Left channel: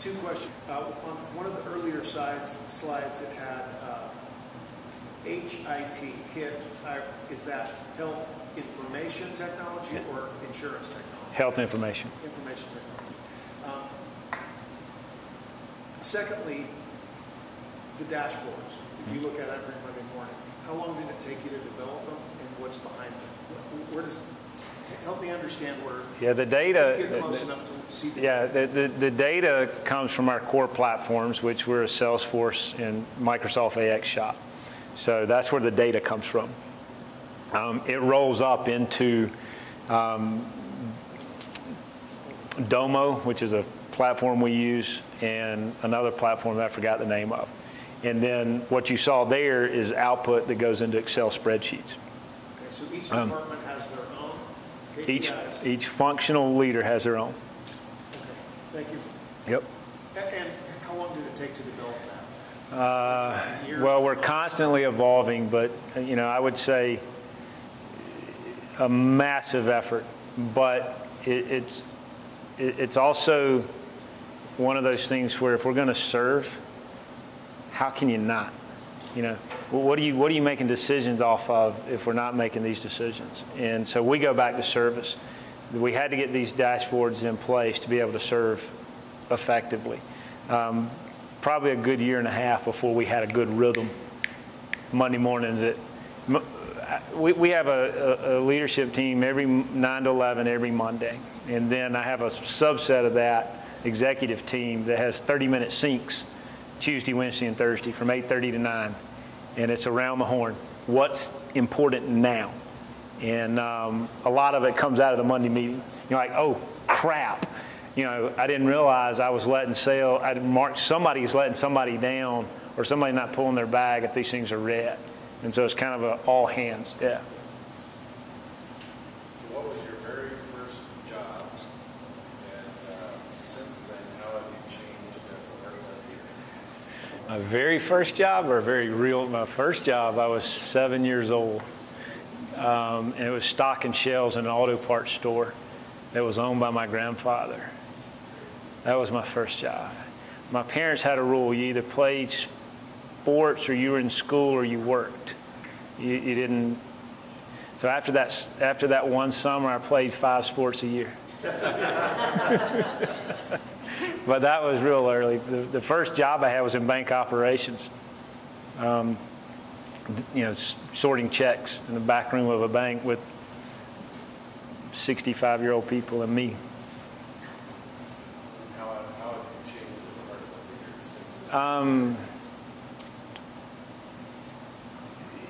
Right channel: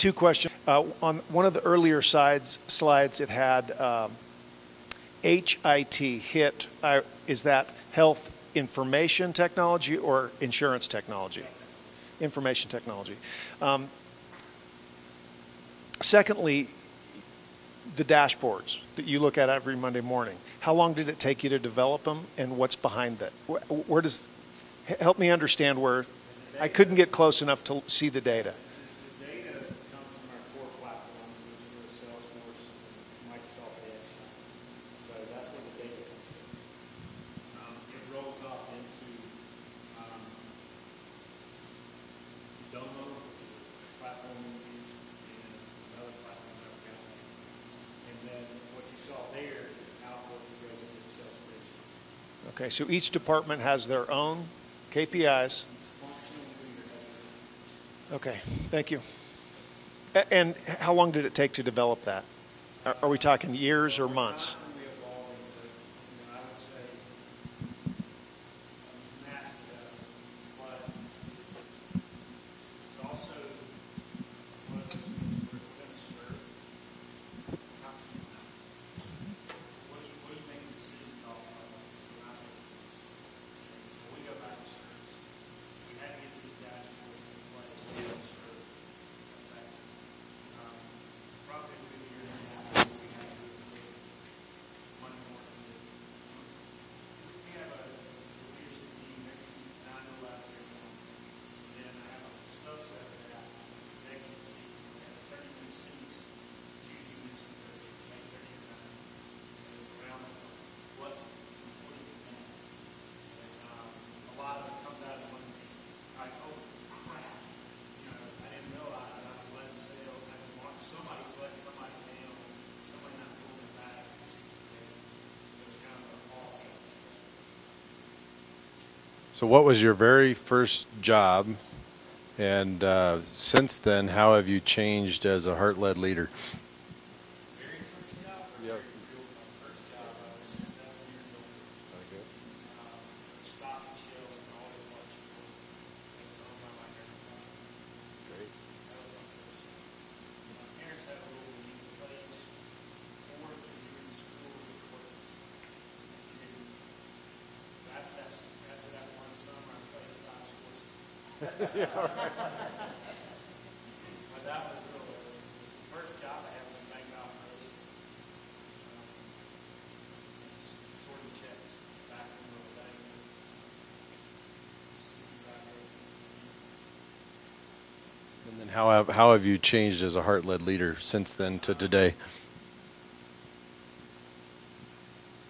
Two questions. On one of the earlier slides, it had HIT. Is that health information technology or insurance technology? Health information. Information technology. Secondly, the dashboards that you look at every Monday morning. How long did it take you to develop them, and what's behind that? Where does help me understand where? Yeah, the data. I couldn't get close enough to see the data. The data comes from our core platforms, which we're a Salesforce and Microsoft AX shop. So that's where the data comes from. It rolls up into Domo, which is a platform we use, and another platform that I forgot the name of. And then what you saw there is output that goes into Excel spreadsheets. Okay, so each department has their own KPIs. Each functional leader has their own. Okay, thank you. Yep. And how long did it take to develop that? Are we talking years or months? Well, we're constantly evolving, but you know, I would say a massive effort. But it's also one of those things where if we're going to serve, how can you not? You know, what are you making decisions off of if we're not making these decisions? And so we go back to service. We had to get these dashboards in place to be able to serve effectively. Probably a good year and a half before we had a good rhythm Monday morning. We have a leadership team every 9 to 11 every Monday. And then I have a subset of that executive team that has 30-minute syncs Tuesday, Wednesday, and Thursday from 8:30 to 9. And it's around the horn. What's important now? And a lot of it comes out of the Monday meeting. You're like, oh, crap. You know, I didn't realize I was letting somebody's letting somebody down, or somebody not pulling their bag if these things are red. And so it's kind of all hands, yeah. So what was your very first job? And since then, how have you changed as a heart-led leader? My very first job, my first job, I was 7 years old. And it was stocking shelves in an auto parts store that was owned by my grandfather. That was my first job. My parents had a rule: you either played sports or you were in school or you worked. You didn't. So after that one summer, I played 5 sports a year. But that was real early. The first job I had was in bank operations. You know, sorting checks in the back room of a bank with 65-year-old people and me. How have you changed as a heart-led leader since then to today?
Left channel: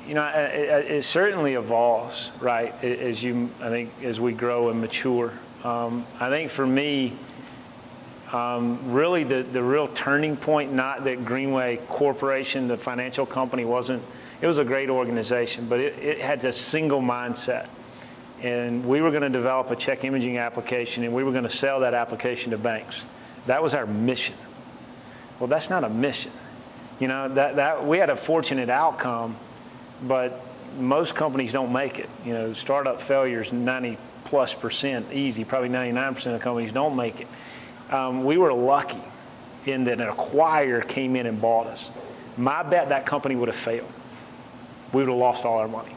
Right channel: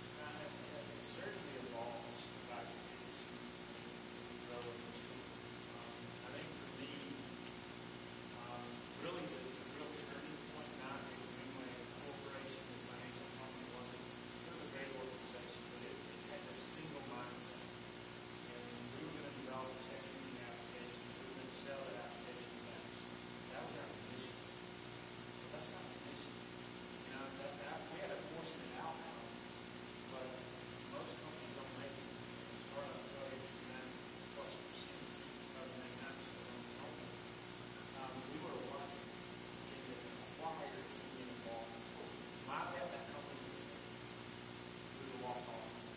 You know, it certainly evolves, right? I think as we grow and mature. I think for me, really the real turning point, not that Greenway Corporation, the financial company, it was a great organization, but it had a single mindset. And we were going to develop a check imaging application, and we were going to sell that application to banks. That was our mission. Well, that's not a mission. You know, that we had a fortunate outcome, but most companies don't make it. You know, startup failures, 90+% easy, probably 99% of companies don't make it. We were lucky in that an acquirer came in and bought us. My bet that company would have failed. We would have lost all our money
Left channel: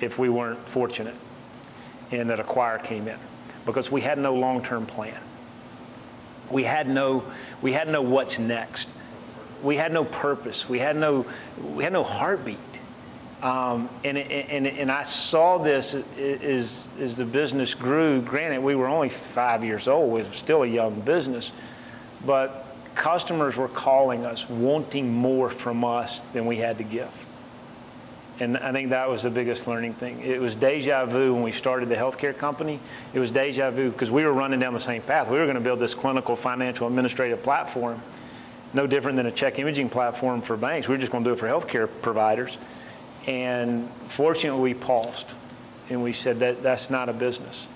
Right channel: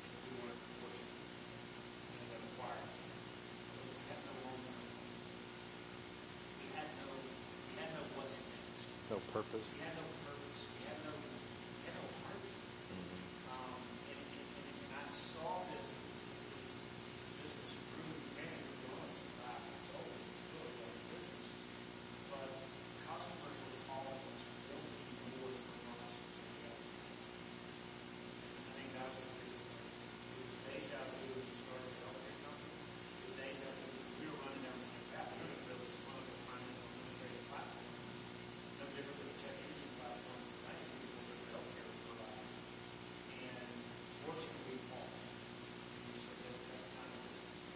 if we weren't fortunate and that acquirer came in, because we had no long-term plan. We had no what's next. We had no purpose. We had no heartbeat. And I saw this as the business grew. Granted, we were only 5 years old. We were still a young business. But customers were calling us, wanting more from us than we had to give. And I think that was the biggest learning thing. It was deja vu when we started the healthcare company. It was deja vu because we were running down the same path. We were going to build this clinical financial administrative platform, no different than a check imaging platform for banks. We were just going to do it for healthcare providers. And fortunately, we paused, and we said that's not a business.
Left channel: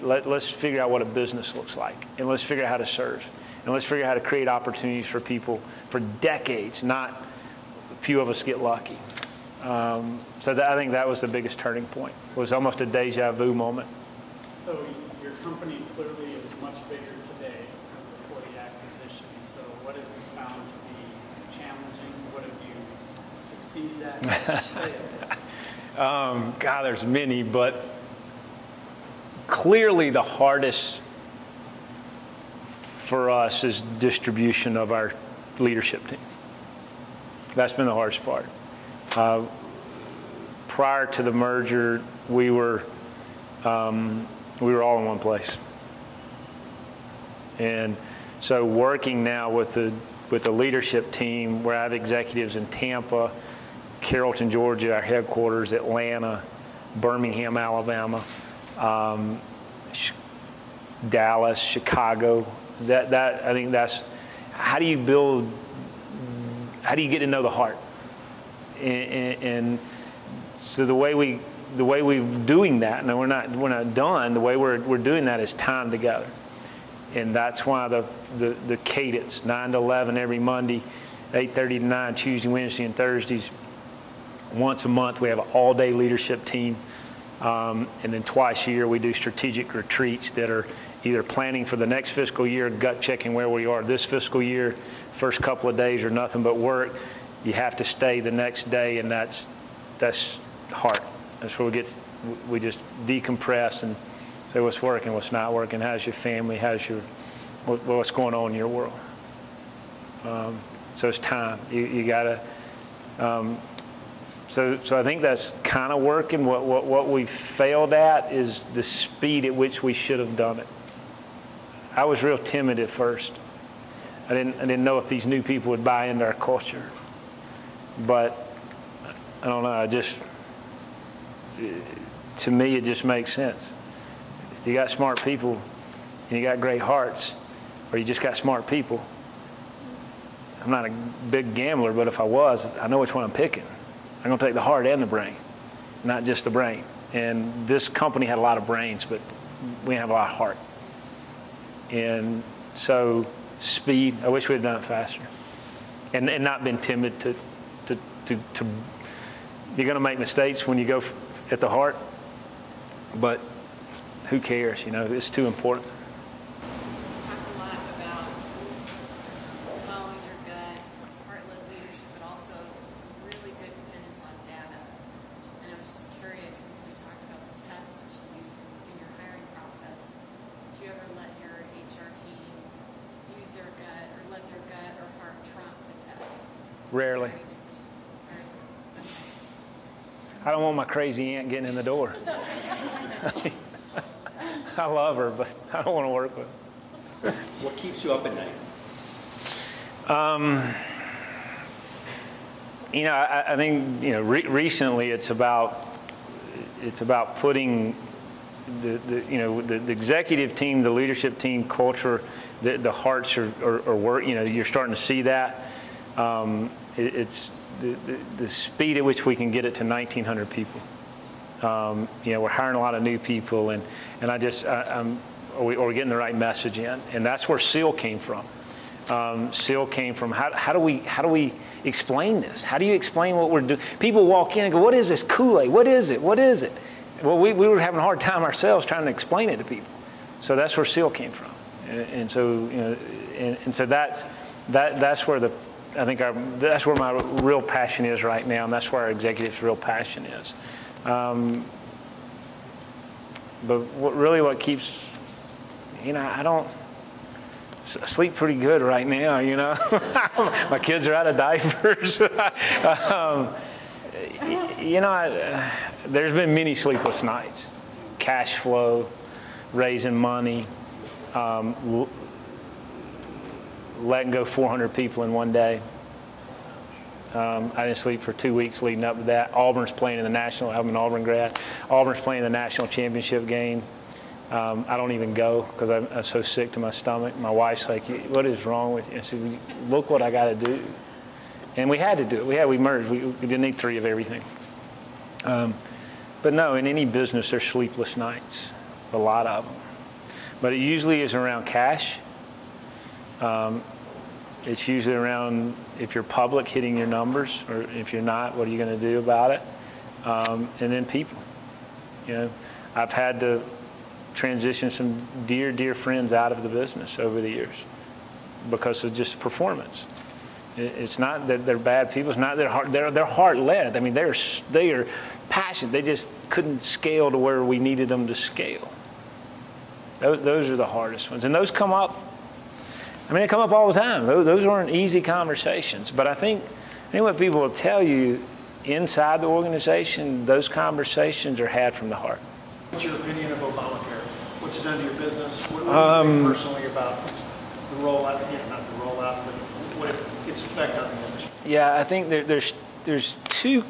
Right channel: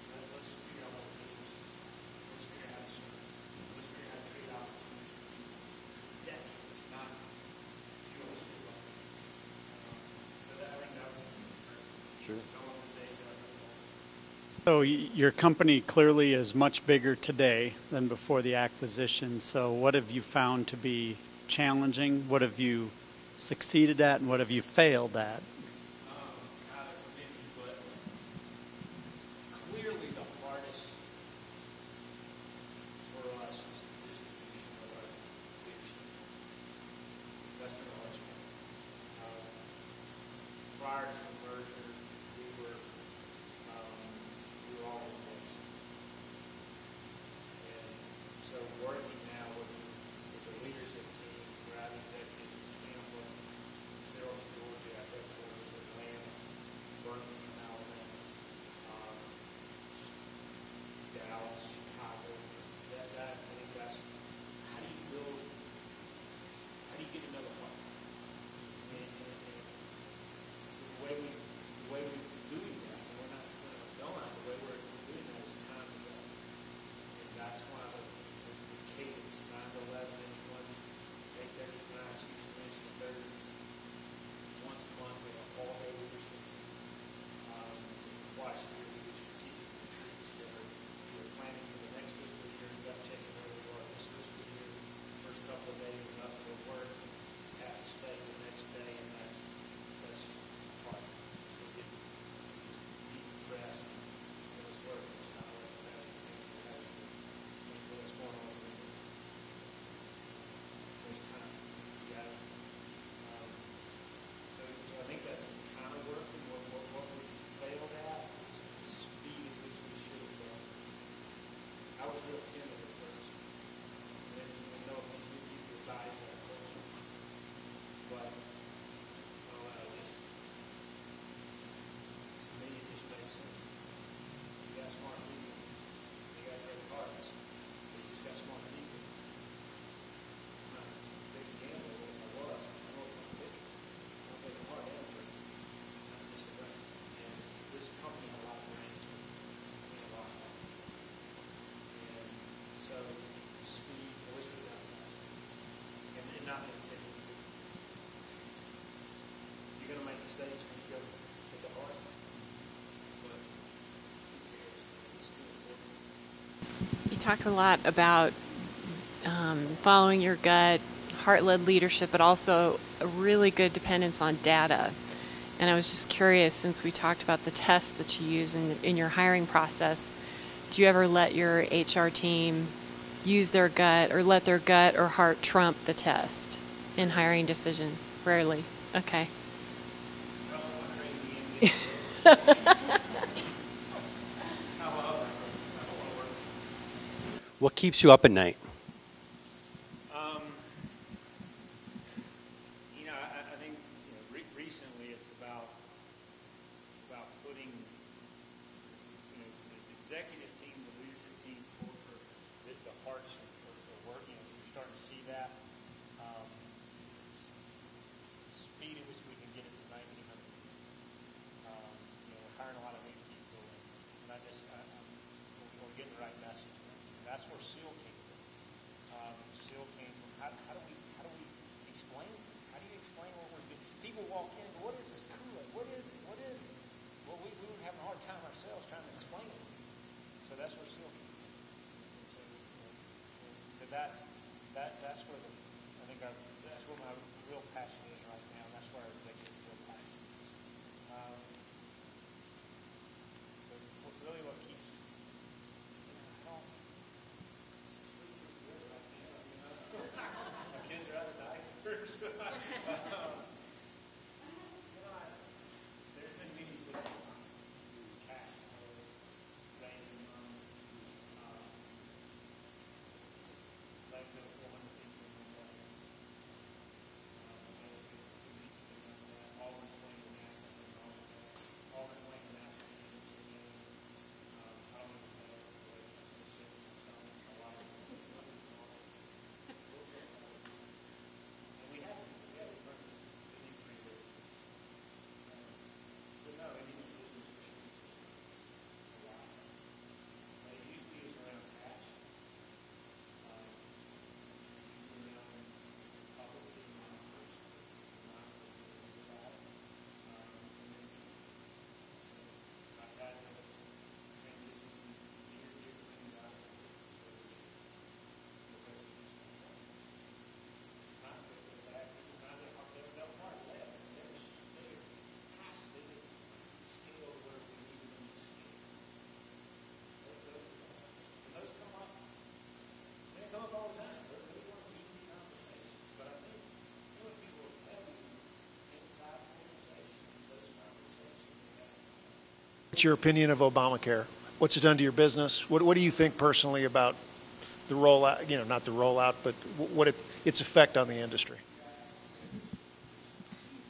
Let's figure out what a business looks like, and let's figure out how to serve, and let's figure out how to create opportunities for people for decades, not a few of us get lucky. So I think that was the biggest turning point. It was almost a deja vu moment. So your company clearly is much bigger today than before the acquisition. So what have you found to be challenging? What have you succeeded at? And what have you failed at? God, there's many, but clearly the hardest for us is distribution of our leadership team. That's been the hardest part. Prior to the merger, we were all in one place. And so working now with the leadership team, where I have executives in Tampa, Carrollton, Georgia, our headquarters, Atlanta, Birmingham, Alabama, Dallas, Chicago. I think that's how do you get to know the heart? And so the way we're doing that, and we're not done. The way we're doing that is time together, and that's why the cadence 9 to 11 every Monday, 8:30 to 9 Tuesday, Wednesday, and Thursdays. Once a month we have an all-day leadership team, and then twice a year we do strategic retreats that are either planning for the next fiscal year, gut checking where we are this fiscal year. First couple of days are nothing but work. You have to stay the next day, and that's hard. That's where we just decompress and say what's working, what's not working, how's your family, what's going on in your world. So it's time. You gotta. So I think that's kind of working. What we failed at is the speed at which we should have done it. I was real timid at first. I didn't know if these new people would buy into our culture. But I don't know. To me, it just makes sense. You got smart people, and you got great hearts, or you just got smart people. I'm not a big gambler, but if I was, I know which one I'm picking. I'm going to take the heart and the brain, not just the brain. And this company had a lot of brains, but we didn't have a lot of heart. And so speed, I wish we had done it faster. And not been timid to you're going to make mistakes when you go at the heart, but who cares, it's too important. You talk a lot about following your gut, heart-led leadership, but also a really good dependence on data. And I was just curious, since we talked about the tests that you use in your hiring process, do you ever let your HR team use their gut or let their gut or heart trump the test Rarely. in hiring decisions? Rarely. Okay. I don't want my crazy aunt getting in the door. I love her, but I don't want to work with her. What keeps you up at night? I think recently it's about putting the executive team, the leadership team culture, the hearts are work. You're starting to see that. It's the speed at which we can get it to 1,900 people. We're hiring a lot of new people, and are we getting the right message in? And that's where SEAL came from. SEAL came from how do we explain this? How do you explain what we're doing? People walk in and go, "What is this Kool-Aid? What is it? What is it?" Well, we were having a hard time ourselves trying to explain it to people. So that's where SEAL came from, and so so that's where that's where my real passion is right now, and that's where our executives' real passion is. But what keeps, I sleep pretty good right now, My kids are out of diapers. There's been many sleepless nights. Cash flow, raising money, letting go 400 people in one day. I didn't sleep for 2 weeks leading up to that. Auburn's playing in the national. I'm an Auburn grad. Auburn's playing the national championship game. I don't even go because I'm so sick to my stomach. My wife's like, "What is wrong with you?" I said, "Look what I got to do." And we had to do it. We merged. We didn't need 3 of everything. But no, in any business, there's sleepless nights, a lot of them. But it usually is around cash. It's usually around, if you're public, hitting your numbers, or if you're not, what are you going to do about it? And then people. I've had to transitioned some dear, dear friends out of the business over the years because of just performance. It's not that they're bad people. It's not that they're heart-led. I mean, they are passionate. They just couldn't scale to where we needed them to scale. Those are the hardest ones. And those come up, I mean, they come up all the time. Those aren't easy conversations. But I think what people will tell you inside the organization, those conversations are had from the heart. What's your opinion of Obamacare? What's it done to your business? What do you think personally about the rollout, not the rollout, but what its effect on the industry? Yeah, I think there's two,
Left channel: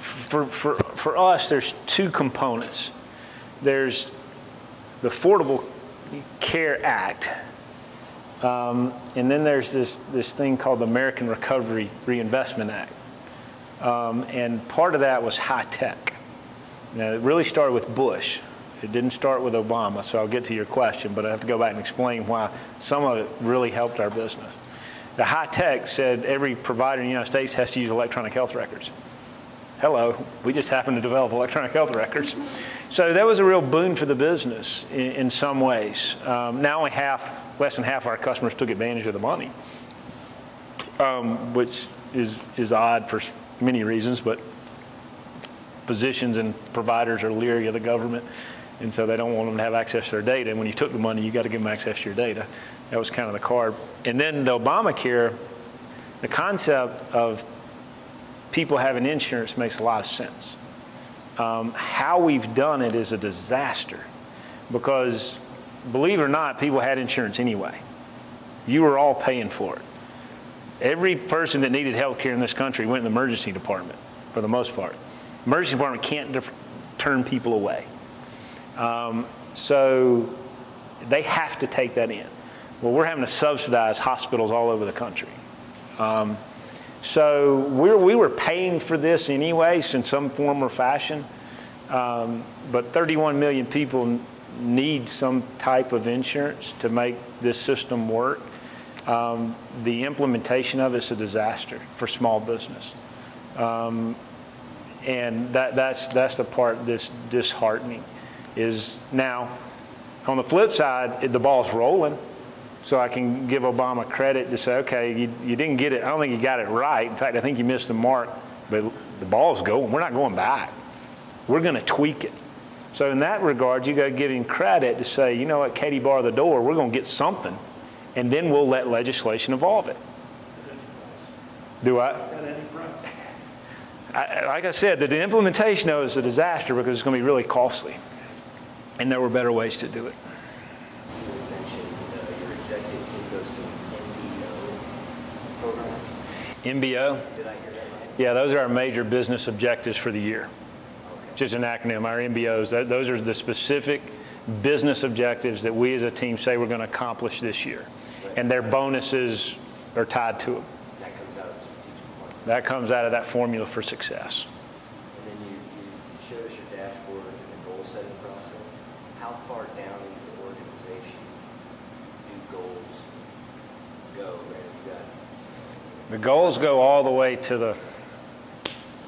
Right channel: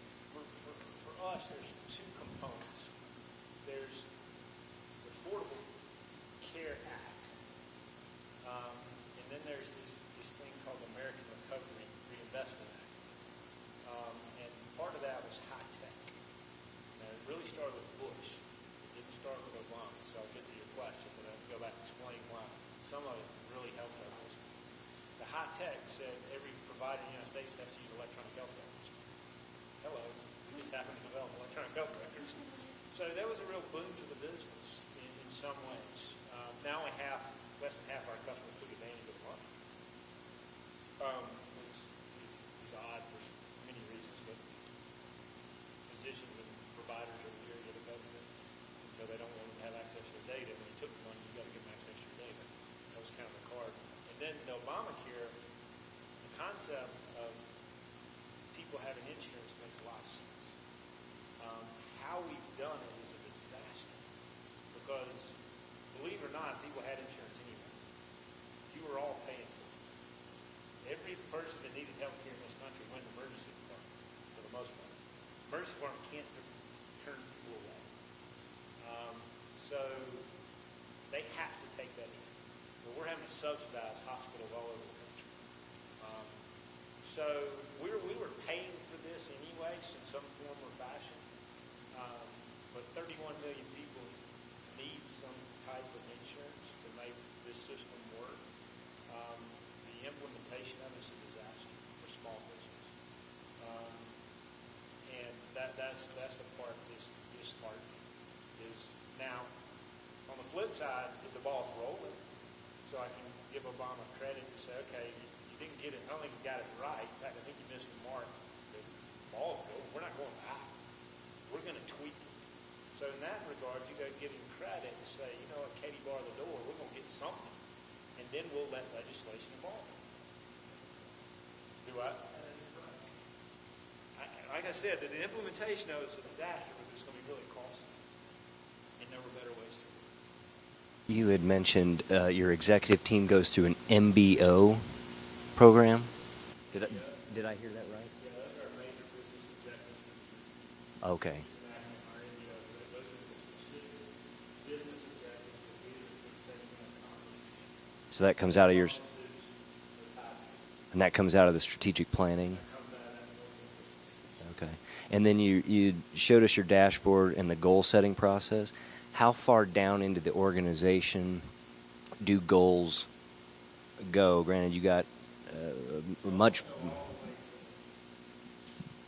for us, there's two components. There's the Affordable Care Act, and then there's this thing called the American Recovery Reinvestment Act. And part of that was high tech. Now, it really started with Bush. It didn't start with Obama, so I'll get to your question, but I have to go back and explain why some of it really helped our business. The high tech said every provider in the United States has to use electronic health records. Hello, we just happen to develop electronic health records. So that was a real boon for the business in some ways. Now only less than half our customers took advantage of the money, which is odd for many reasons, but physicians and providers are leery of the government, and so they don't want them to have access to their data. And when you took the money, you got to give them access to your data. That was kind of the card. And then the Obamacare, the concept of people having insurance makes a lot of sense. How we've done it is a disaster because, believe it or not, people had insurance anyway. You were all paying for it. Every person that needed health care in this country went in the emergency department, for the most part. Emergency department can't turn people away. So they have to take that in. Well, we're having to subsidize hospitals all over the country. So we were paying for this anyways in some form or fashion, but 31 million people need some type of insurance to make this system work. The implementation of it's a disaster for small business. And that's the part that's disheartening is now, on the flip side, the ball's rolling. So I can give Obama credit to say, okay, you didn't get it. I don't think you got it right. In fact, I think you missed the mark, but the ball's going. We're not going back. We're going to tweak it. So in that regard, you got to give him credit to say, you know what, Katie bar the door, we're going to get something, and then we'll let legislation evolve it. Do I? Like I said, the implementation of it is a disaster because it's going to be really costly, and there were better ways to do it. You had mentioned your executive team goes through an MBO program. MBO? Did I hear that right? Yeah, those are our major business objectives for the year. Okay. Just an acronym, our MBOs. Those are the specific business objectives that we as a team say we're going to accomplish this year. So that comes and their out of your- bonuses are tied to them. And that comes out of the strategic planning? That comes out of that formula for success. Okay. And then you showed us your dashboard and the goal setting process. How far down into the organization do goals go? Granted, you got The goals go all the way to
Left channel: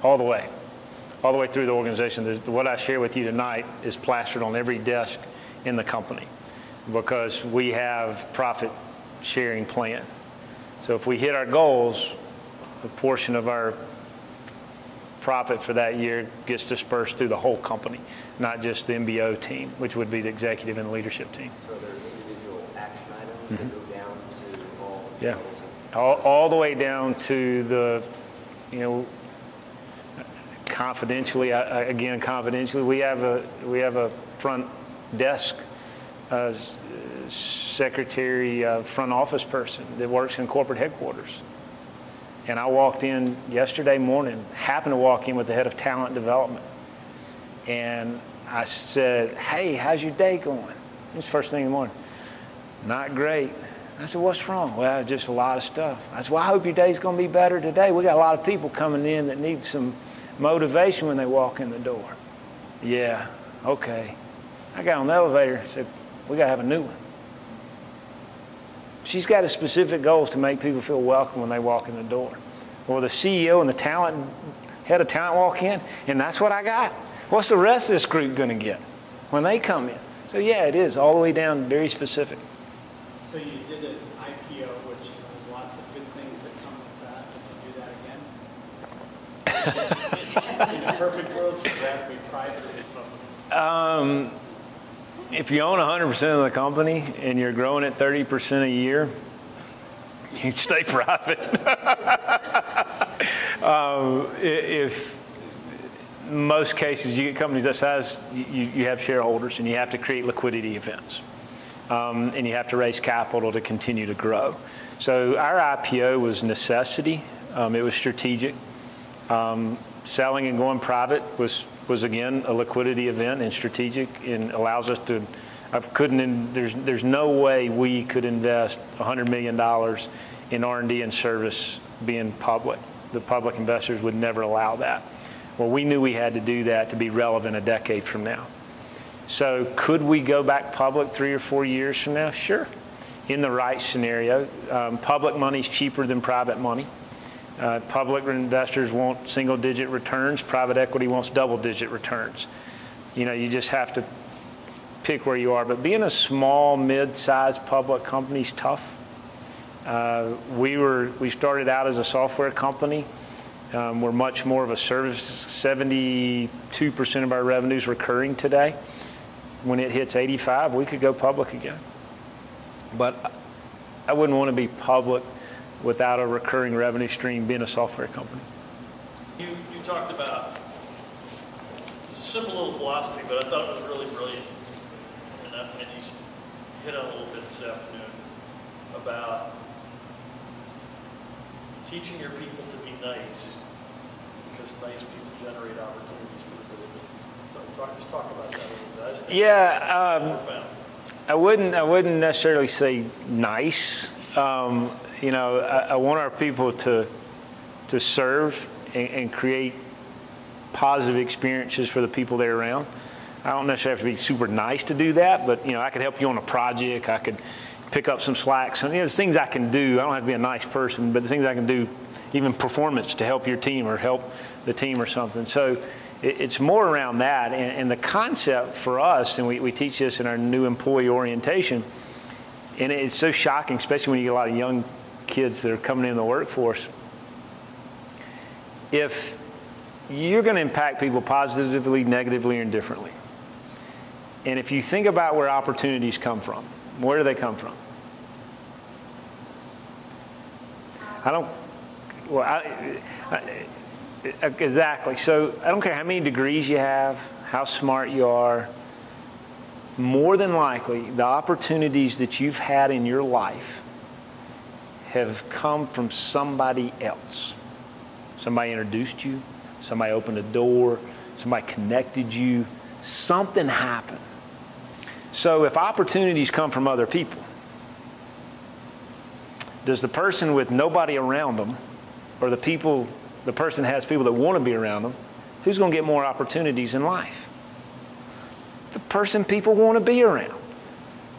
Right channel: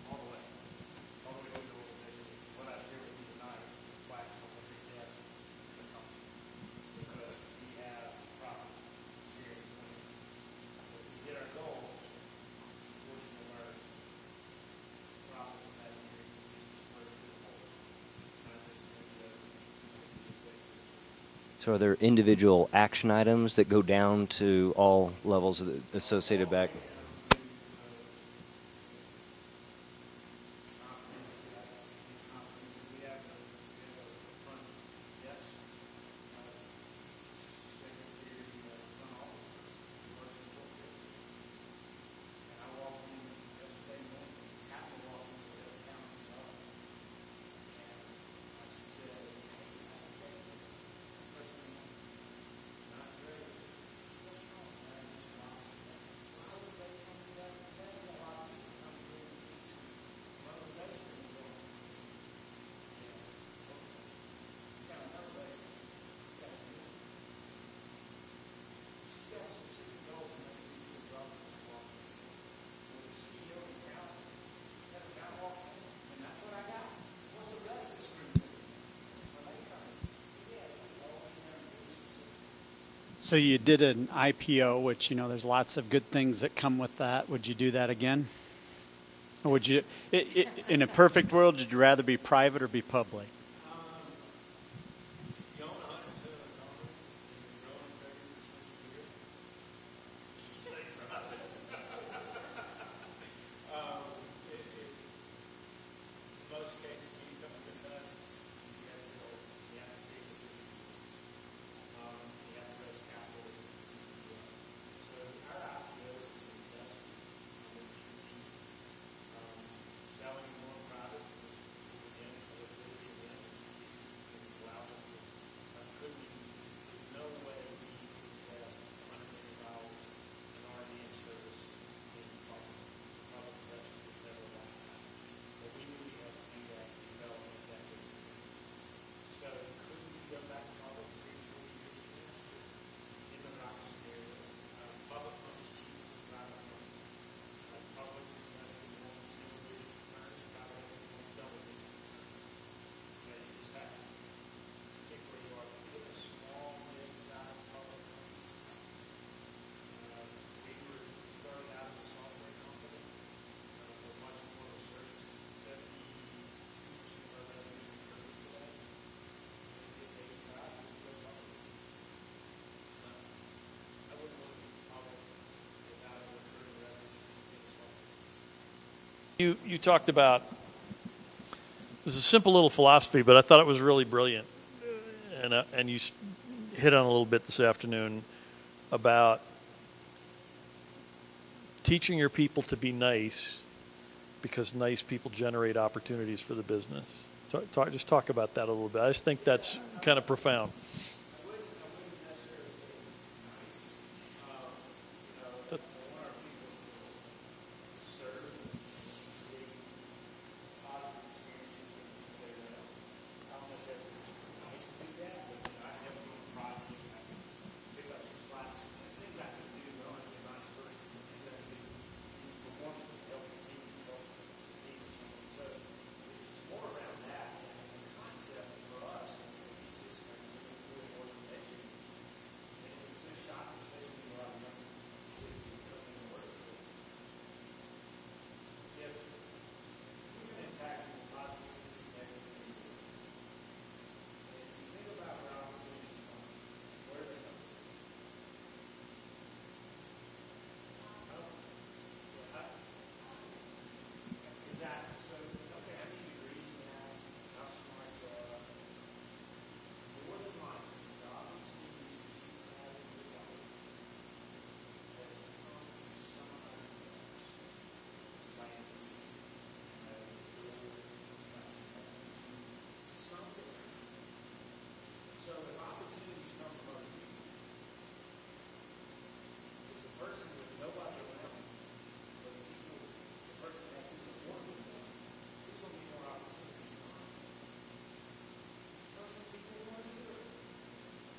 all the way through the organization. What I share with you tonight is plastered on every desk in the company because we have profit sharing plan. So if we hit our goals, a portion of our profit for that year gets dispersed through the whole company, not just the MBO team, which would be the executive and leadership team. So are there individual action items that go down to all levels associated all the with way that? down to the, confidentially, we have a front desk secretary, front office person that works in corporate headquarters. And I walked in yesterday morning, happened to walk in with the head of talent development. And I said, hey, how's your day going? It was first thing in the morning. Not great. I said, what's wrong? Well, just a lot of stuff. I said, well, I hope your day's going to be better today. We got a lot of people coming in that need some motivation when they walk in the door. Yeah, okay. I got on the elevator and said, we got to have a new one. She's got a specific goals to make people feel welcome when they walk in the door. Or the CEO and the head of talent walk in, and that's what I got. What's the rest of this group going to get? when they come in. So yeah, it is all the way down, very specific. So you did an IPO, which, you know, there's lots of good things that come with that. Would you do that again? Or would you, in a perfect world, would you rather be private or be public? If you own 100% of the company and you're growing at 30% a year, you stay private. If most cases you get companies that size, you have shareholders and you have to create liquidity events. And you have to raise capital to continue to grow. So our IPO was necessity. It was strategic. Selling and going private was again a liquidity event and strategic, and allows us to. There's no way we could invest $100 million in R&D and service being public. The public investors would never allow that. Well, we knew we had to do that to be relevant a decade from now. So could we go back public 3 or 4 years from now? Sure, in the right scenario. Public money is cheaper than private money. Public investors want single-digit returns. Private equity wants double-digit returns. You know, you just have to pick where you are. But being a small, mid-sized public company is tough. We started out as a software company. We're much more of a service. 72% of our revenue is recurring today. When it hits 85, we could go public again. But I wouldn't want to be public without a recurring revenue stream being a software company. You talked about, it's a simple little philosophy, but I thought it was really brilliant. And you hit on a little bit this afternoon about teaching your people to be nice, because nice people generate opportunities for the business. Just talk about that a little bit. I just think that's kind of profound. I wouldn't necessarily say nice. You know, I want our people to serve and create positive experiences for the people they're around. I don't necessarily have to be super nice to do that, but, you know, I could help you on a project. I could pick up some slack. So, you know, there's things I can do. I don't have to be a nice person, but the things I can do, even performance to help your team or help the team or something. So it's more around that. And the concept for us, and we teach this in our new employee orientation, and it's so shocking, especially when you get a lot of young kids that are coming in the workforce. If you're going to impact people positively, negatively, or indifferently, and if you think about where opportunities come from, where do they come from? Exactly. So I don't care how many degrees you have, how smart you are. More than likely, the opportunities that you've had in your life have come from somebody else. Somebody introduced you, somebody opened a door, somebody connected you, something happened. So if opportunities come from other people, does the person with nobody around them, or the person has people that want to be around them, who's going to get more opportunities in life? The person people want to be around.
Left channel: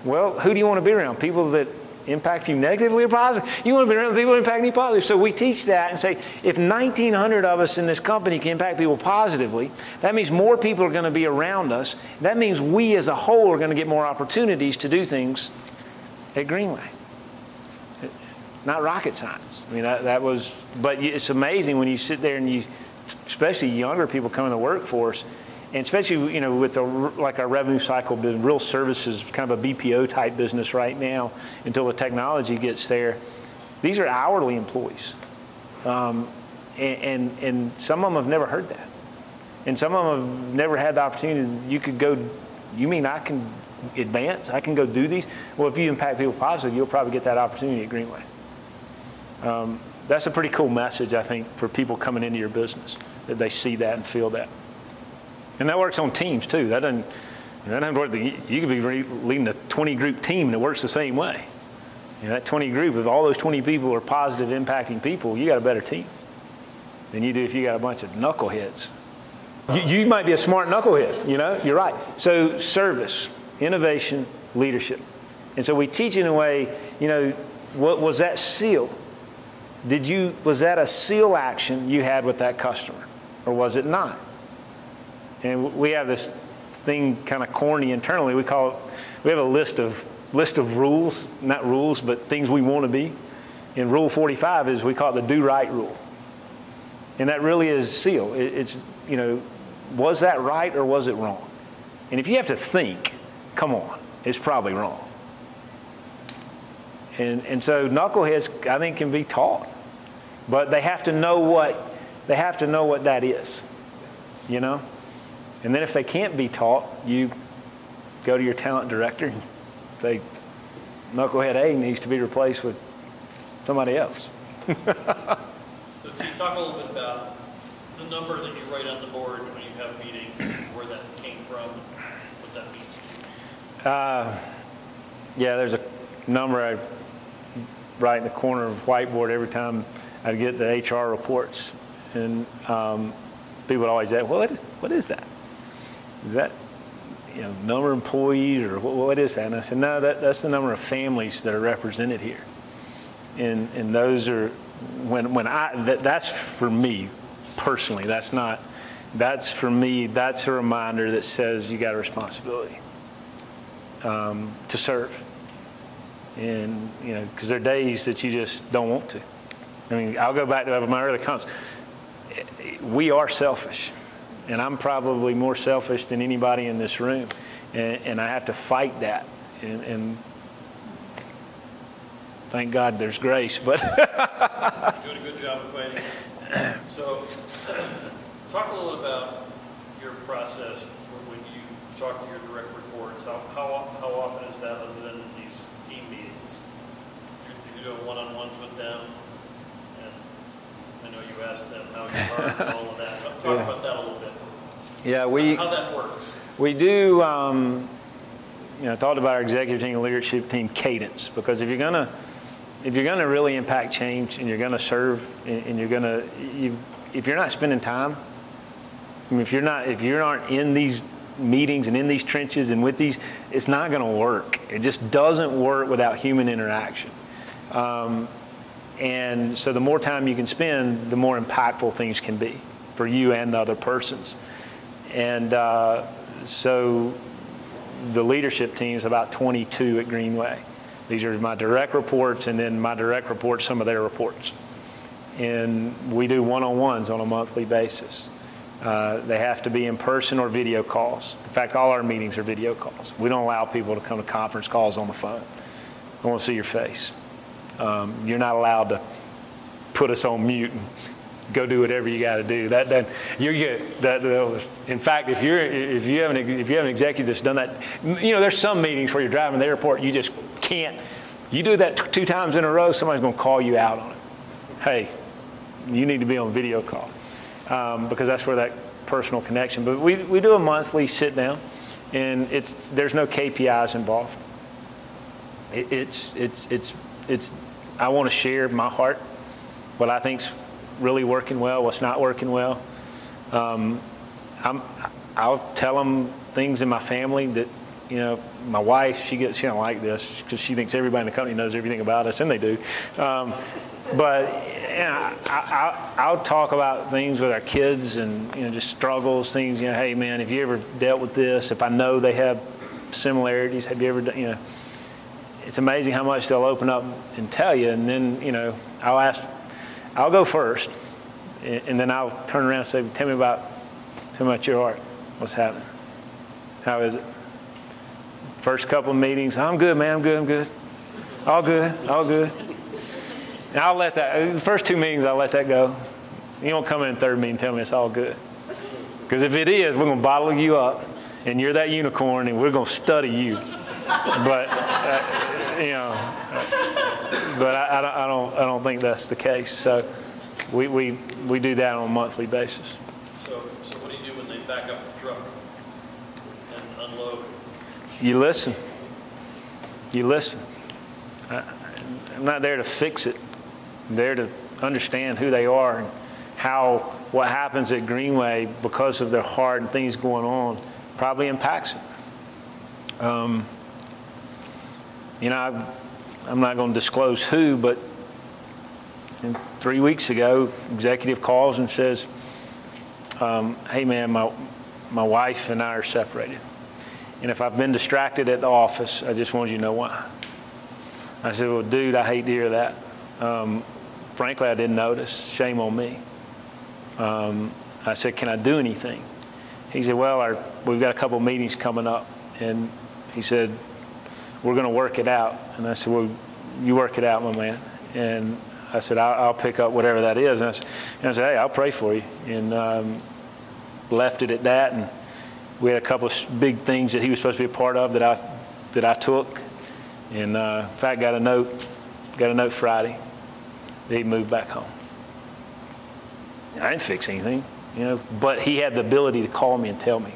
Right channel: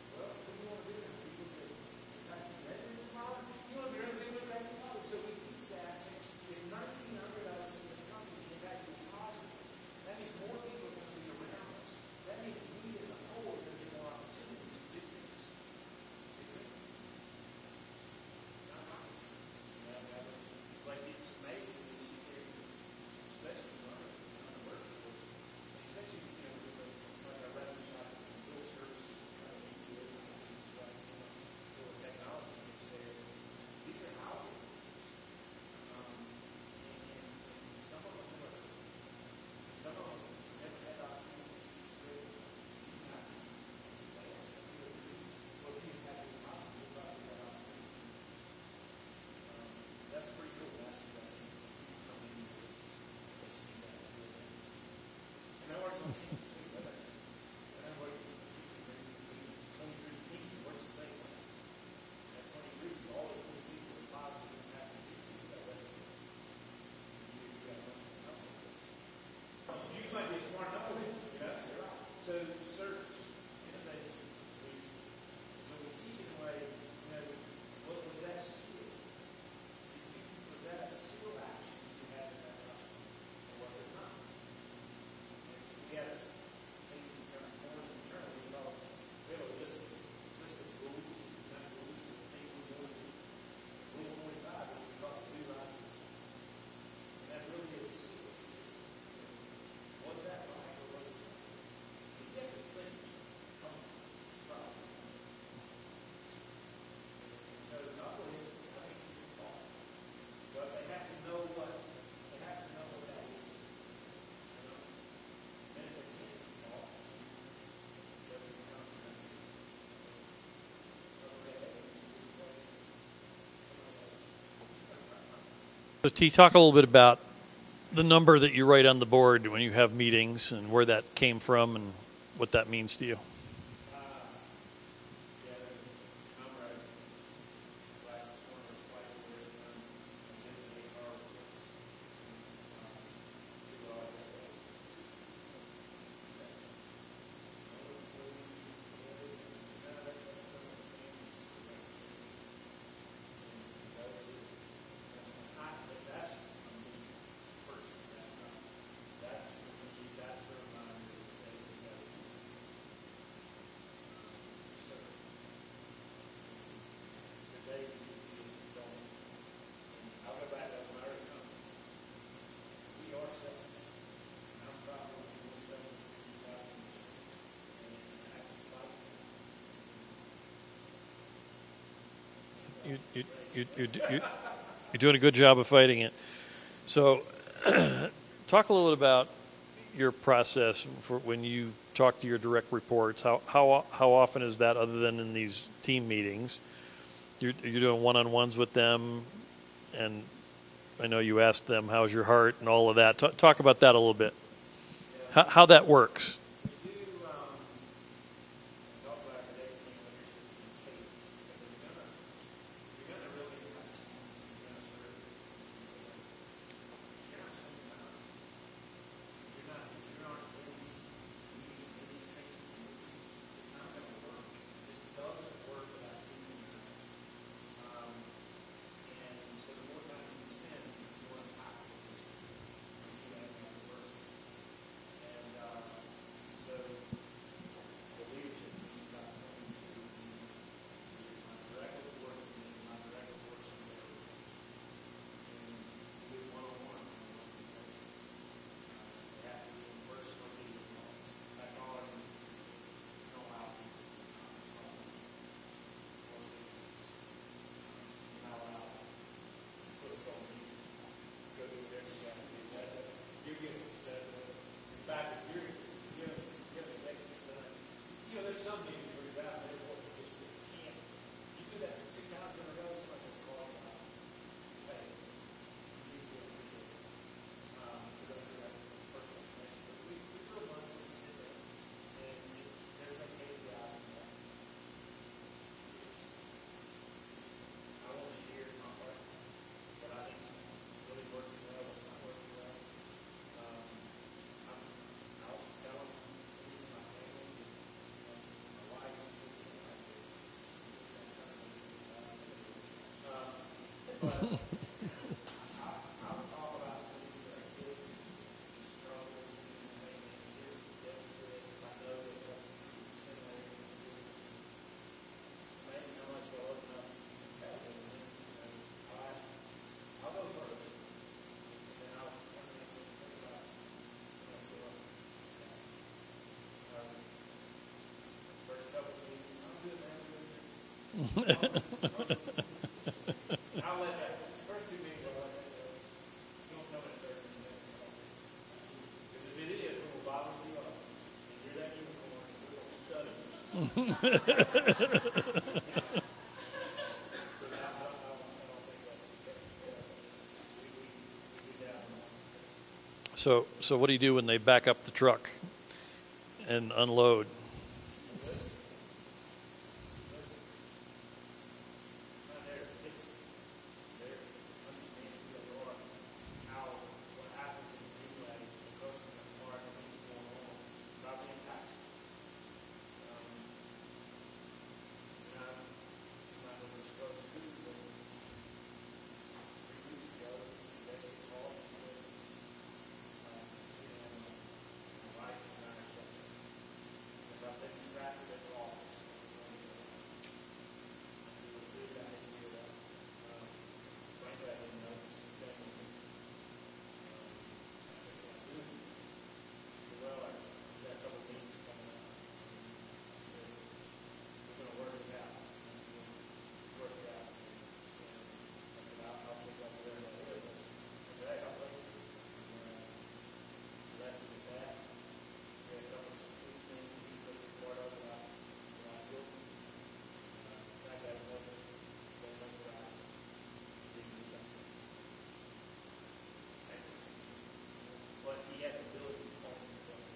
Well, who do you want to be around? People that impact you negatively or positively? You want to be around people that impact you positively. So we teach that and say, if 1,900 of us in this company can impact people positively, that means more people are going to be around us. That means we as a whole are going to get more opportunities to do things at Greenway. Not rocket science. I mean, that was, but it's amazing when you sit there and you, especially younger people come in the workforce, and especially, you know, with like our revenue cycle business, real services, kind of a BPO type business right now, until the technology gets there. These are hourly employees, and some of them have never heard that, and some of them have never had the opportunity. You could go. You mean I can advance? I can go do these? Well, if you impact people positively, you'll probably get that opportunity at Greenway. That's a pretty cool message, I think, for people coming into your business, that they see that and feel that. And that works on teams too. That doesn't work. You could be leading a 20-group team and it works the same way. You know, that 20 group, if all those 20 people are positive, impacting people, you got a better team than you do if you got a bunch of knuckleheads. You might be a smart knucklehead, you know, you're right. So service, innovation, leadership. And so we teach in a way, you know, what was that seal? Was that a seal action you had with that customer, or was it not? And we have this thing kind of corny internally. We have a list of rules, not rules, but things we want to be. And Rule 45 is, we call it the do right rule. And that really is SEAL. It's, you know, was that right or was it wrong? And if you have to think, come on, it's probably wrong. And so knuckleheads, I think, can be taught, but they have to know what that is, you know. And then if they can't be taught, you go to your talent director and say, knucklehead A needs to be replaced with somebody else. So T, talk a little bit about the number that you write on the board when you have meetings, and where that came from and what that means to you. Yeah, there's a number I write in the corner of the whiteboard every time I get the HR reports. And people would always ask, well, what is that? Is that, you know, number of employees, or what is that? And I said, no, that's the number of families that are represented here. And those are, that's for me personally. That's for me, that's a reminder that says you got a responsibility to serve. And, you know, because there are days that you just don't want to. I mean, I'll go back to my early comments. We are selfish, and I'm probably more selfish than anybody in this room, and I have to fight that. And thank God there's grace, but You're doing a good job of fighting it. So, talk a little about your process for when you talk to your direct reports. How often is that, other than in these team meetings? You're doing one-on-ones with them, and I know you asked them, how's your heart, and all of that. Talk about that a little bit. yeah, How that works. we do, you know, talked about our executive team and leadership team cadence, because if you're gonna really impact change, and you're gonna serve, and if you're not spending time, I mean, if you aren't in these meetings and in these trenches and with these, it's not gonna work. It just doesn't work without human interaction. And so the more time you can spend, the more impactful things can be for you and the other persons. And so the leadership team is about 22 at Greenway. These are my direct reports, and then my direct reports, some of their reports. And we do one-on-ones on a monthly basis. They have to be in person or video calls. In fact, all our meetings are video calls. We don't allow people to come to conference calls on the phone. I want to see your face. You're not allowed to put us on mute and go do whatever you got to do. You're good. In fact, if you have an executive that's done that, you know, there's some meetings where you're driving to the airport, you just can't. You do that 2 times in a row, somebody's going to call you out on it. Hey, you need to be on video call, because that's where that personal connection. But we do a monthly sit down, and there's no KPIs involved. I want to share my heart, what I think's really working well, what's not working well. I'll tell them things in my family that, you know, my wife, she don't like this because she thinks everybody in the company knows everything about us, and they do. But you know, I'll talk about things with our kids, and, you know, just struggles, things, you know, hey man, have you ever dealt with this? If I know they have similarities, have you ever done, you know, it's amazing how much they'll open up and tell you. And then, you know, I'll go first, and then I'll turn around and say, tell me about your heart. What's happening? How is it? First couple of meetings, I'm good, man, I'm good. All good, all good. And I'll let that, the first 2 meetings, I'll let that go. You don't come in the 3rd meeting and tell me it's all good. Because if it is, we're going to bottle you up, and you're that unicorn, and we're going to study you. But, you know, but I don't think that's the case. So we do that on a monthly basis. So what do you do when they back up the truck and unload? You listen. You listen. I'm not there to fix it. I'm there to understand who they are and what happens at Greenway because of their heart and things going on probably impacts it. You know, I'm not going to disclose who, but 3 weeks ago, executive calls and says, hey man, my wife and I are separated. And if I've been distracted at the office, I just wanted you to know why. I said, well, dude, I hate to hear that. Frankly, I didn't notice. Shame on me. I said, can I do anything? He said, well, we've got a couple meetings coming up. And he said, we're going to work it out. And I said, well, you work it out, my man. And I said, I'll pick up whatever that is. And I said, hey, I'll pray for you. And left it at that. And we had a couple of big things that he was supposed to be a part of that I took. And in fact, got a note Friday that he moved back home. I didn't fix anything, but he had the ability to call me and tell me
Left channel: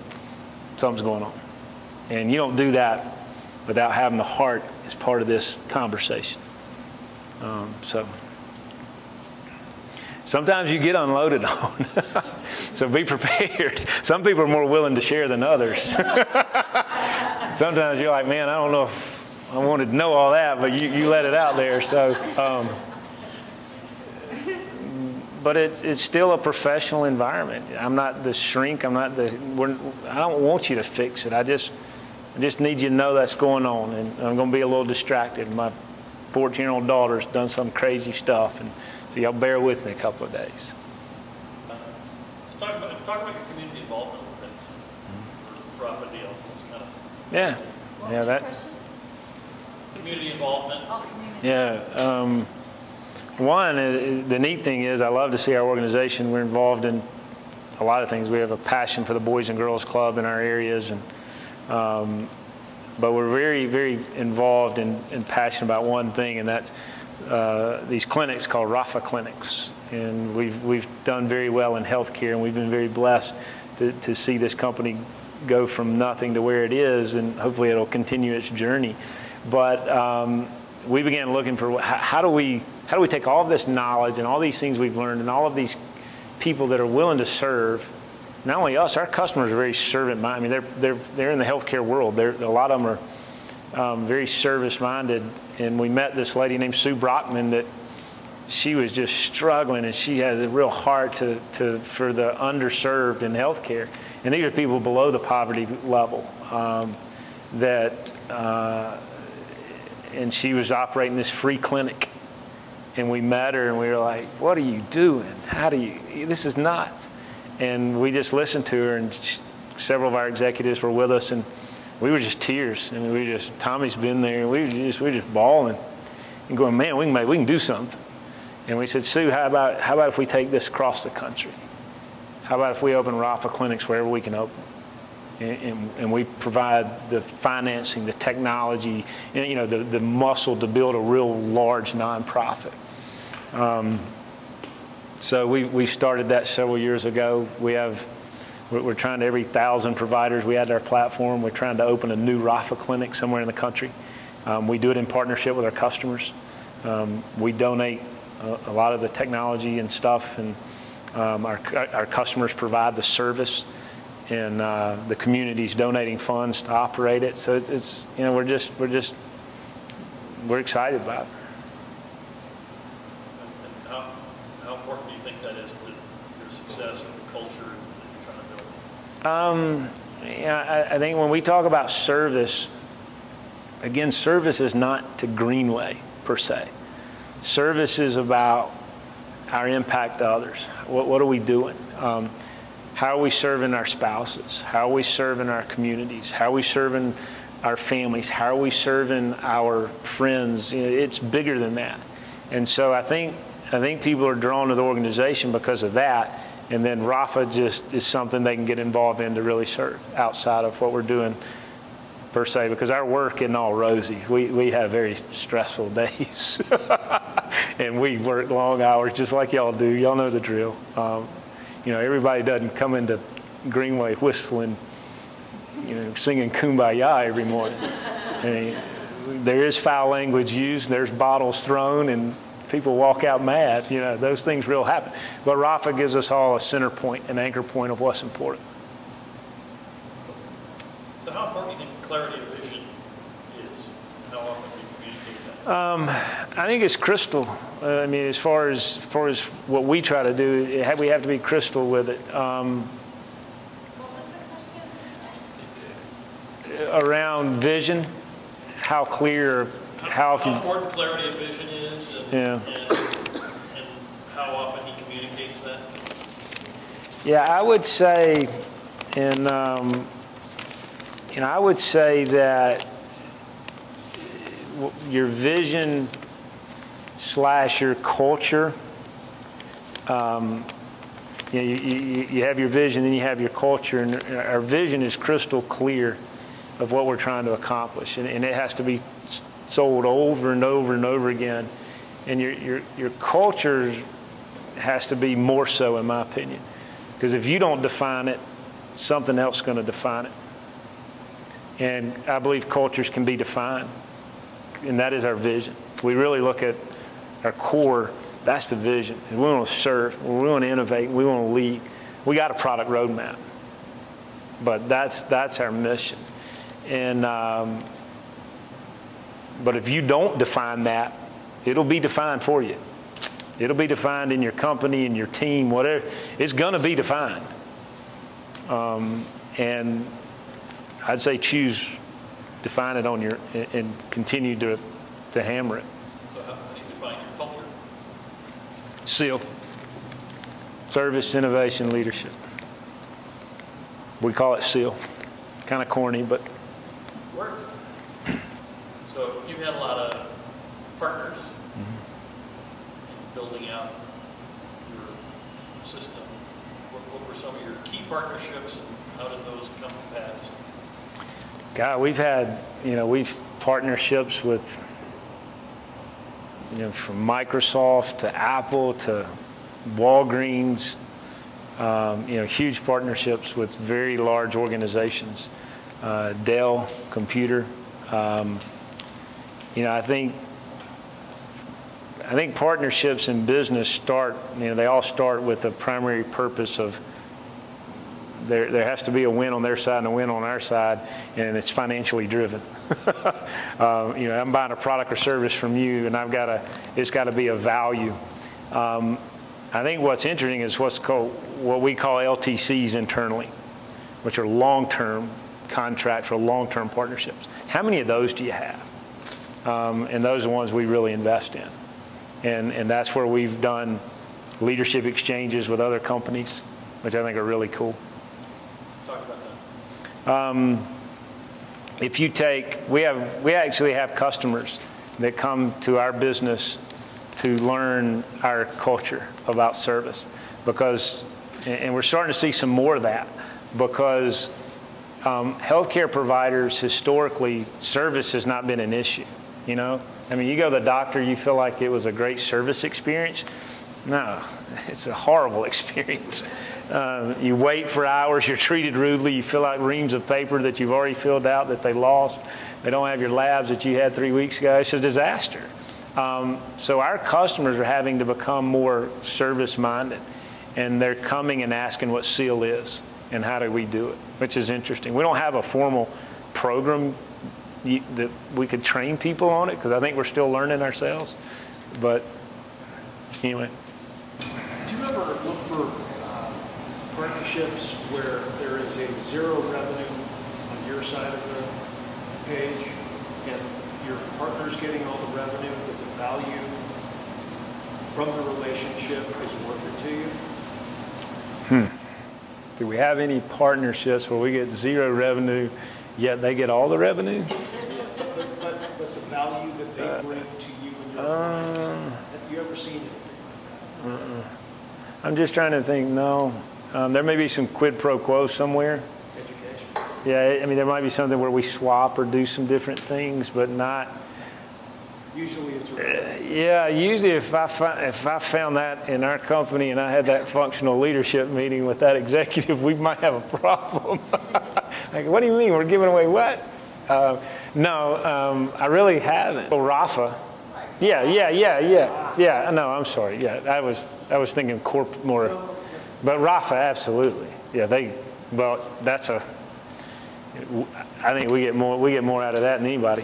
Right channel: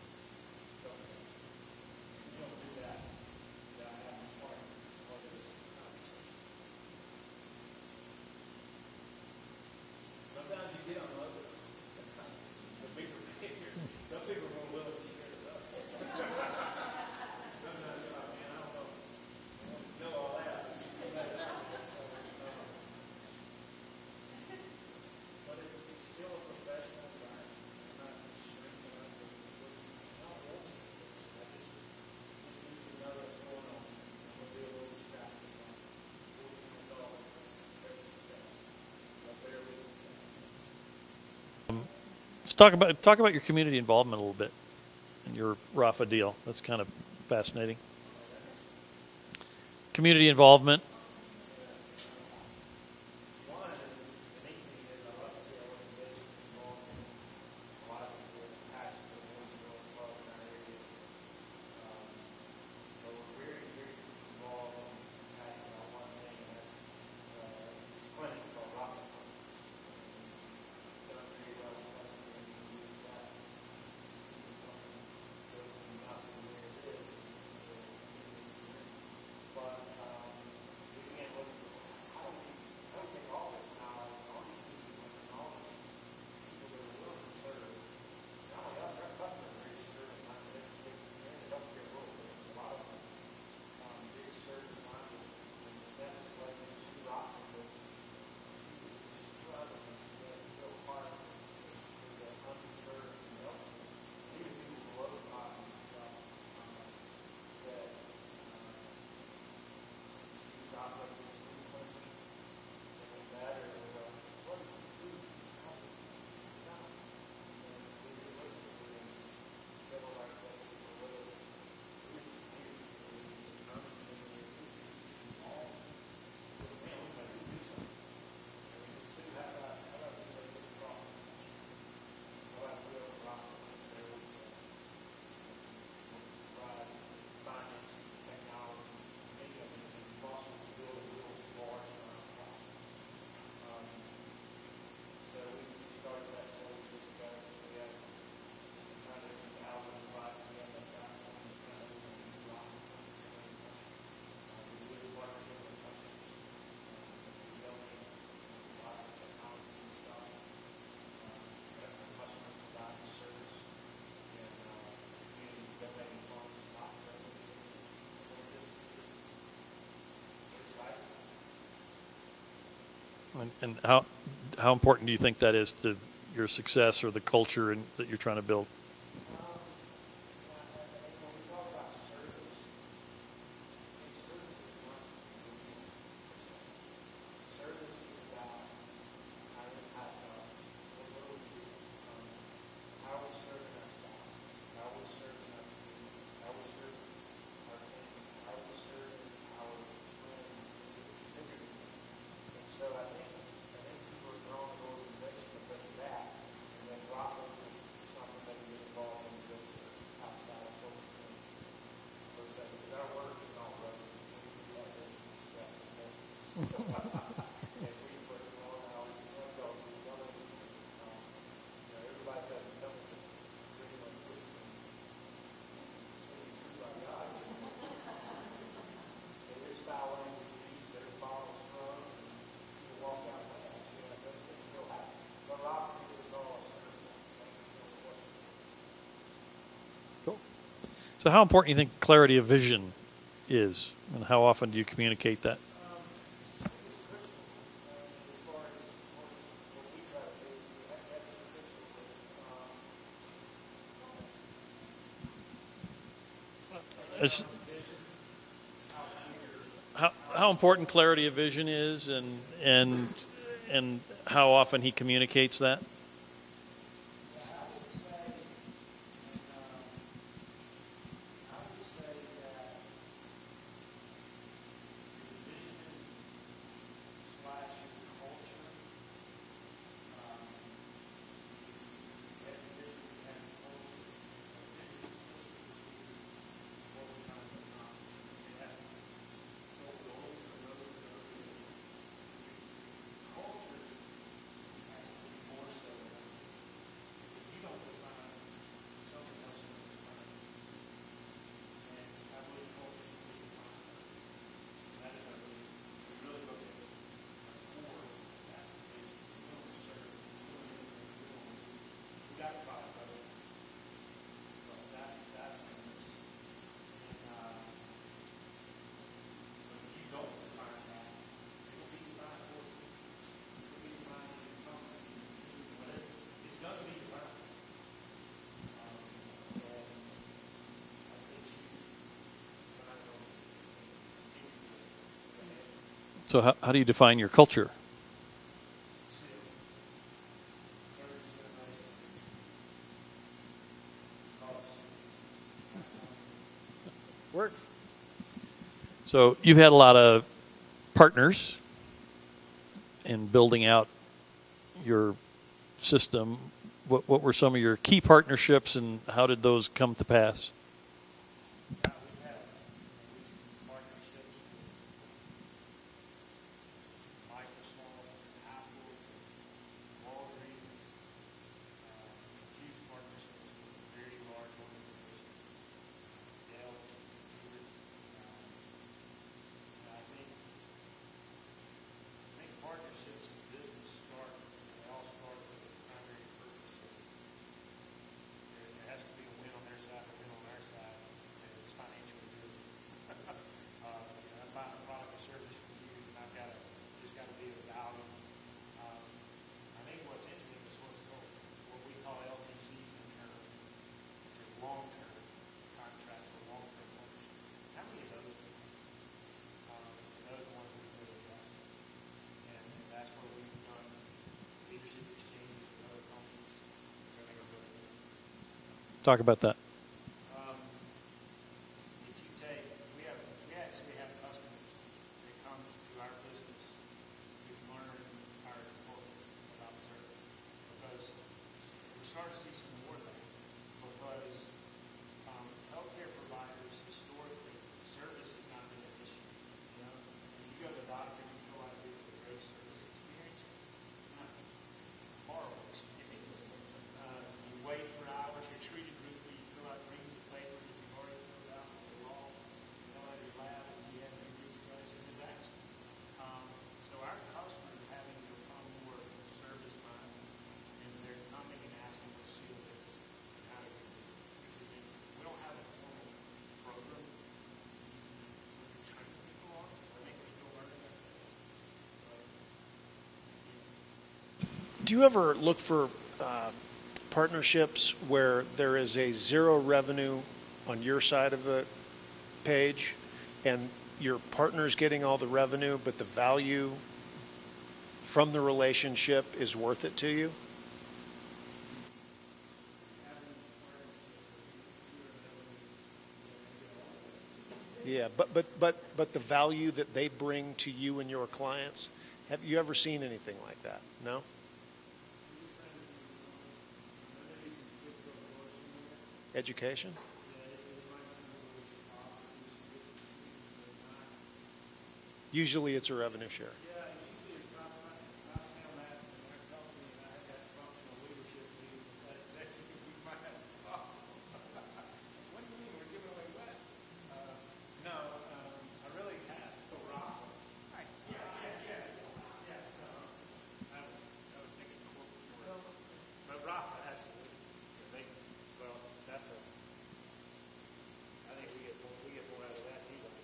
something's going on. And you don't do that without having the heart as part of this conversation. So sometimes you get unloaded on. So be prepared. Some people are more willing to share than others. Sometimes you're like, man, I don't know if I wanted to know all that, but you let it out there. So, but it's still a professional environment. I'm not the shrink. I don't want you to fix it. I just need you to know that's going on, and I'm going to be a little distracted. My 14-year-old daughter's done some crazy stuff, and so y'all bear with me a couple of days. Let's talk about your community involvement a little bit. Your Rafa deal. That's kind of fascinating. Yeah, that. Community involvement. Yeah. One, the neat thing is I love to see our organization. We're involved in a lot of things. We have a passion for the Boys and Girls Club in our areas, and but we're very, very involved and passionate about one thing, and that's these clinics called Rafa clinics. And we've done very well in healthcare, and we've been very blessed to see this company go from nothing to where it is, and hopefully it'll continue its journey. But we began looking for how do we take all of this knowledge and all these things we've learned and all of these people that are willing to serve. Not only us, our customers are very servant-minded. I mean, they're in the healthcare world. A lot of them are very service-minded. And we met this lady named Sue Brockman that she was just struggling, and she had a real heart for the underserved in healthcare. And these are people below the poverty level and she was operating this free clinic. And we met her, and we were like, what are you doing? This is nuts. And we just listened to her, and several of our executives were with us, and we were just tears. I mean, Tommy's been there, and we were just bawling and going, man, we can do something. And we said, Sue, how about if we take this across the country? How about if we open Rafa clinics wherever we can open? And we provide the financing, the technology, the muscle to build a real large nonprofit. So we started that several years ago. We're trying to, every 1,000 providers we add to our platform, we're trying to open a new Rafa clinic somewhere in the country. We do it in partnership with our customers. We donate a lot of the technology and stuff, and our customers provide the service, and the community's donating funds to operate it. So it's we're excited about it. And how important do you think that is to your success or the culture that you're trying to build? I think when we talk about service, again, service is not to Greenway per se. Service is about our impact to others. What are we doing? How are we serving our spouses? How are we serving our communities? How are we serving our families? How are we serving our friends? It's bigger than that. And so I think people are drawn to the organization because of that. And then Rafa just is something they can get involved in to really serve outside of what we're doing per se, because our work isn't all rosy. We have very stressful days. And we work long hours just like y'all do. Y'all know the drill. Everybody doesn't come into Greenway whistling, singing Kumbaya every morning. And there is foul language used, there's bottles thrown, and people walk out mad. Those things real happen. But Rafa gives us all a center point, an anchor point of what's important. So how important do you think clarity of vision is? And how often do you communicate that? I think it's crystal. As far as what we try to do, we have to be crystal with it. around vision, how clear, how important clarity of vision is, Yeah. and how often he communicates that. Yeah, I would say, and I would say that your vision / your culture. You have your vision, then you have your culture, and our vision is crystal clear of what we're trying to accomplish, and it has to be sold over and over and over again. And your culture has to be more so, in my opinion, because if you don't define it, something else is going to define it. And I believe cultures can be defined, and that is our vision. We really look at our core. That's the vision. We want to serve, we want to innovate, we want to lead. We got a product roadmap, but that's our mission. And but if you don't define that, it'll be defined for you. It'll be defined in your company, in your team, whatever. It's going to be defined. And I'd say define it on and continue to hammer it. So how do you define your culture? SEAL. Service, Innovation, Leadership. We call it SEAL. Kind of corny, but Works. So you've had a lot of partners in building out your system. What were some of your key partnerships, and how did those come to pass? God, we've partnerships with, from Microsoft to Apple to Walgreens, huge partnerships with very large organizations, Dell Computer. I think partnerships in business they all start with the primary purpose of there has to be a win on their side and a win on our side, and it's financially driven. I'm buying a product or service from you, and it's got to be of value. I think what's interesting is what we call LTCs internally, which are long-term contracts or long-term partnerships. How many of those do you have? And those are the ones we really invest in. And that's where we've done leadership exchanges with other companies, which I think are really cool. Talk about that. We actually have customers that come to our business to learn our culture about service, and we're starting to see some more of that, because healthcare providers, historically, service has not been an issue. You go to the doctor, you feel like it was a great service experience. No, it's a horrible experience. You wait for hours, you're treated rudely, you fill out reams of paper that you've already filled out that they lost. They don't have your labs that you had 3 weeks ago. It's a disaster. So our customers are having to become more service-minded, and they're coming and asking what SEAL is and how do we do it, which is interesting. We don't have a formal program that we could train people on it, because I think we're still learning ourselves. But anyway. Do you ever look for partnerships where there is a zero revenue on your side of the page, and your partner's getting all the revenue, but the value from the relationship is worth it to you? Do we have any partnerships where we get zero revenue, yet they get all the revenue? Yeah, but the value that they bring to you and your clients, have you ever seen anything like that? I'm just trying to think, no. There may be some quid pro quo somewhere. Education. Yeah, there might be something where we swap or do some different things, but not. Usually it's revenue. Yeah, usually if I found that in our company and I had that functional leadership meeting with that executive, we might have a problem. Like, what do you mean? We're giving away what? No, I really haven't. Well, Rafa. Yeah. No, I'm sorry. Yeah, I was thinking corp more, but Rafa, absolutely. Yeah, I think we get more out of that than anybody.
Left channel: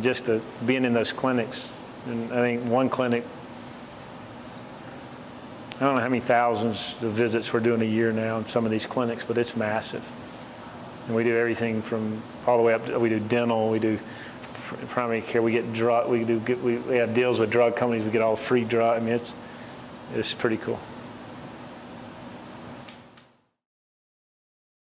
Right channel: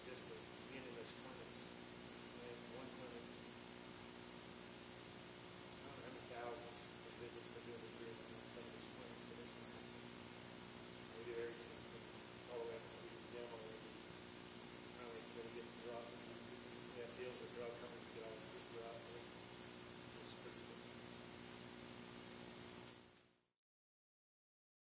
Just being in those clinics, and I think one clinic, I don't know how many thousands of visits we're doing a year now in some of these clinics, but it's massive. And we do everything from all the way up, we do dental, we do primary care, we get drug, we have deals with drug companies, we get all free drug. I mean, it's pretty cool.